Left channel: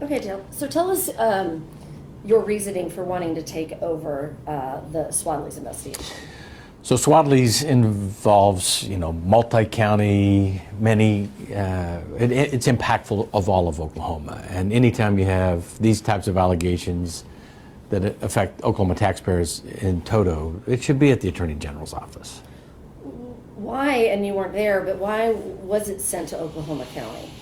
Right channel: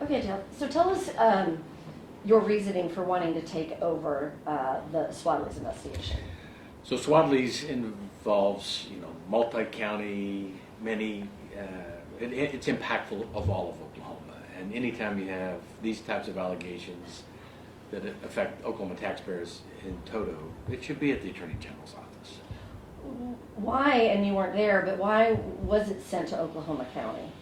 Okay, so tell us your reasoning for wanting to take over the Swadley's investigation. So Swadley's involves, multi-county, many, it's impactful of all of Oklahoma. And anytime you have these types of allegations that affect Oklahoma taxpayers in toto, it should be at the Attorney General's office. Why, and you weren't there, but why was it sent to Oklahoma County?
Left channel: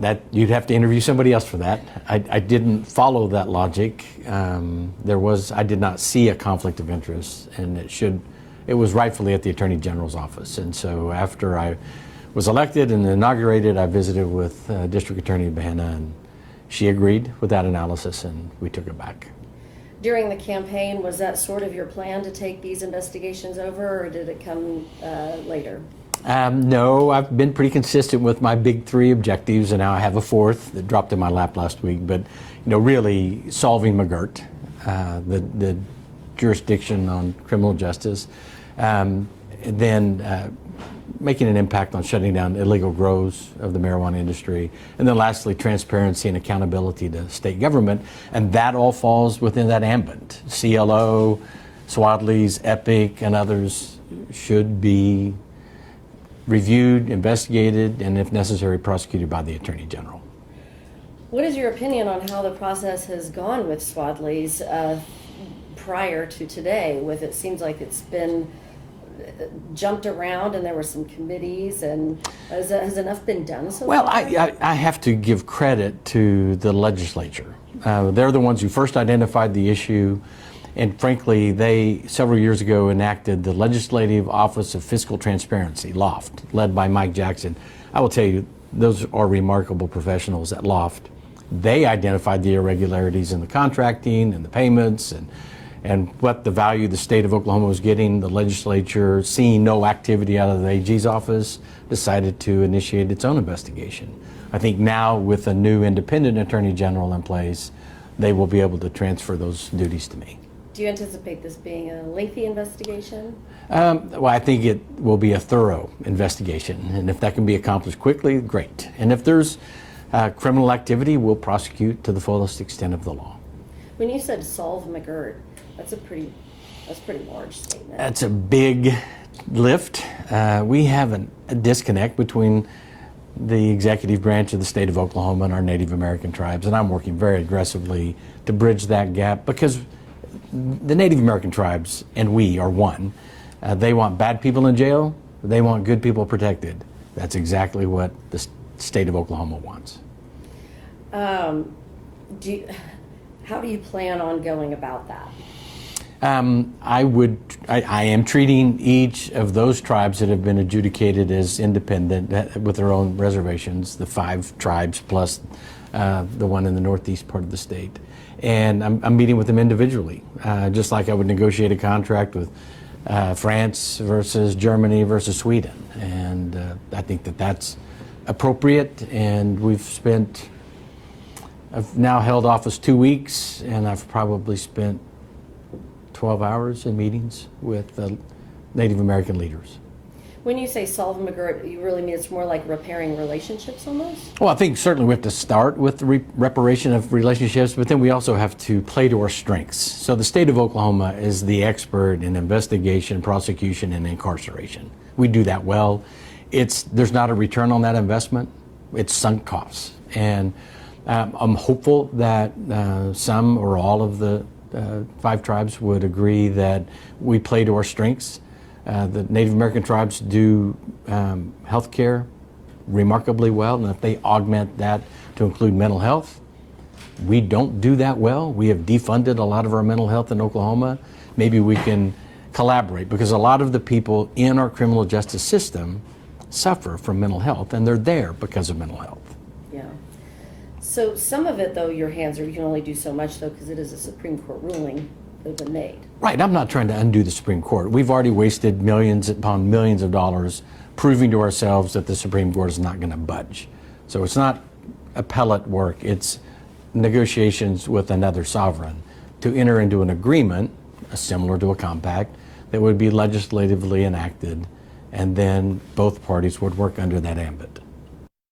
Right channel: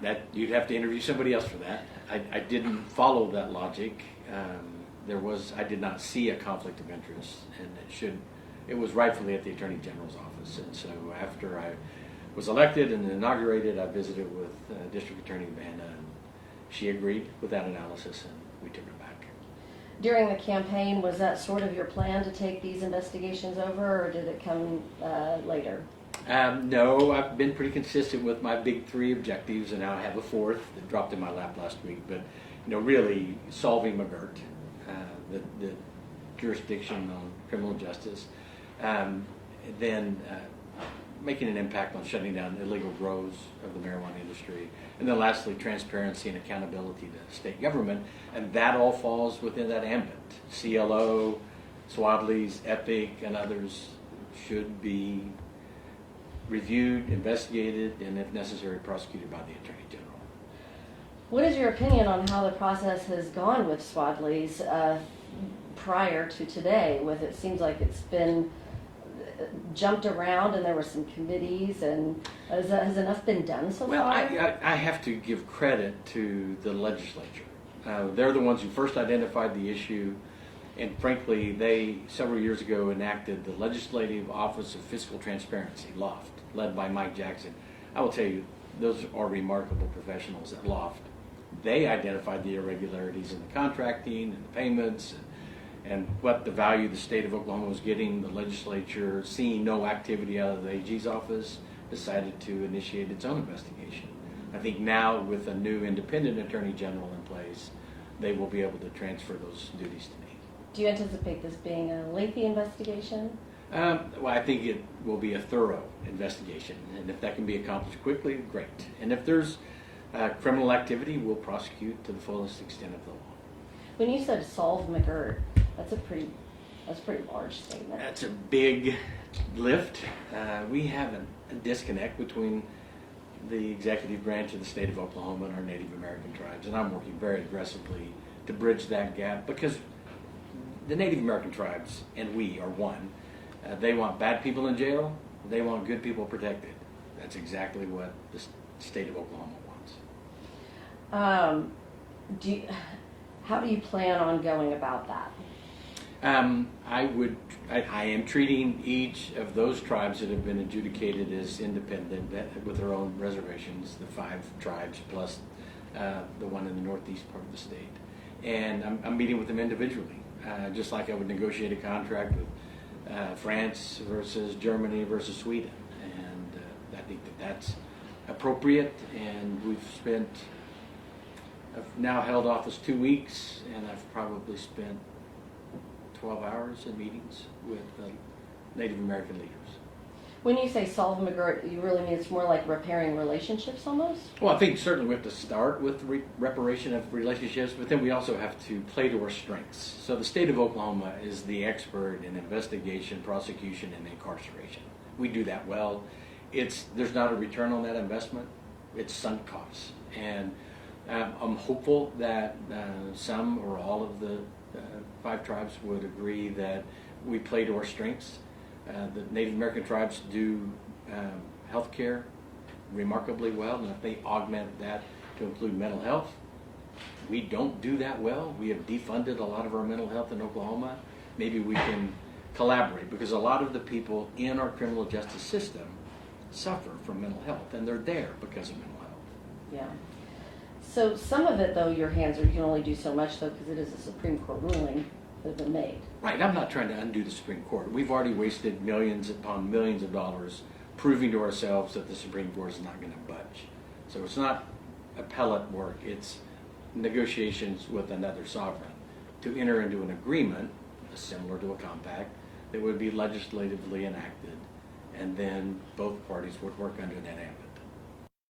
That you'd have to interview somebody else for that. I didn't follow that logic. I did not see a conflict of interest, and it was rightfully at the Attorney General's office. And so after I was elected and inaugurated, I visited with District Attorney Bahena, and she agreed with that analysis, and we took it back. During the campaign, was that sort of your plan to take these investigations over, or did it come later? No, I've been pretty consistent with my big three objectives, and now I have a fourth that dropped in my lap last week. But really solving McGirt, the jurisdiction on criminal justice, then making an impact on shutting down illegal grows of the marijuana industry, and then lastly, transparency and accountability to state government, and that all falls within that ambit. CLO, Swadley's, Epic, and others should be reviewed, investigated, and if necessary, prosecuted by the Attorney General. What is your opinion on how the process has gone with Swadley's prior to today? It seems like it's been jumped around, and there were some committees, and has enough been done so Well, far? I have to give credit to the legislature. They're the ones who first identified the issue, and frankly, they several years ago enacted the Legislative Office of Fiscal Transparency, LOFT, led by Mike Jackson. I will tell you, those are remarkable professionals at LOFT. They identified the irregularities in the contracting and the payments and what the value the state of Oklahoma was getting. The legislature, seeing no activity out of the AG's office, decided to initiate its own investigation. I think now, with a new independent Attorney General in place, they will be able to transfer those duties to me. Do you anticipate this being a lengthy investigation? Well, I think it will be a thorough investigation, and if that can be accomplished quickly, great. And if there's criminal activity, we'll prosecute to the fullest extent of the law. When you said solve McGirt, that's a pretty large statement. That's a big lift. We have a disconnect between the executive branch of the state of Oklahoma and our Native American tribes, and I'm working very aggressively to bridge that gap, because the Native American tribes and we are one. They want bad people in jail. They want good people protected. That's exactly what the state of Oklahoma wants. How do you plan on going about that? I am treating each of those tribes that have been adjudicated as independent with their own reservations, the 5 tribes plus the one in the northeast part of the state. And I'm meeting with them individually, just like I would negotiate a contract with France versus Germany versus Sweden. And I think that that's appropriate, and I've now held office 2 weeks, and I've probably spent 12 hours in meetings with Native American leaders. When you say solve McGirt, you really mean it's more like repairing relationships almost? Well, I think certainly we have to start with the reparation of relationships, but then we also have to play to our strengths. So the state of Oklahoma is the expert in investigation, prosecution, and incarceration. We do that well. There's not a return on that investment. It's sunk costs. And I'm hopeful that some or all of the 5 tribes would agree that we play to our strengths. The Native American tribes do health care remarkably well, and if they augment that to include mental health, we don't do that well. We have defunded a lot of our mental health in Oklahoma. Maybe we can collaborate, because a lot of the people in our criminal justice system suffer from mental health, and they're there because of mental health. Yeah. So some of it, though, your hands are, you can only do so much, though, because it is a Supreme Court ruling that has been made. Right, I'm not trying to undo the Supreme Court. We've already wasted millions upon millions of dollars proving to ourselves that the Supreme Court is not going to budge. So it's not appellate work, it's negotiations with another sovereign to enter into an agreement, similar to a compact, that would be legislatively enacted, and then both parties would work under that ambit.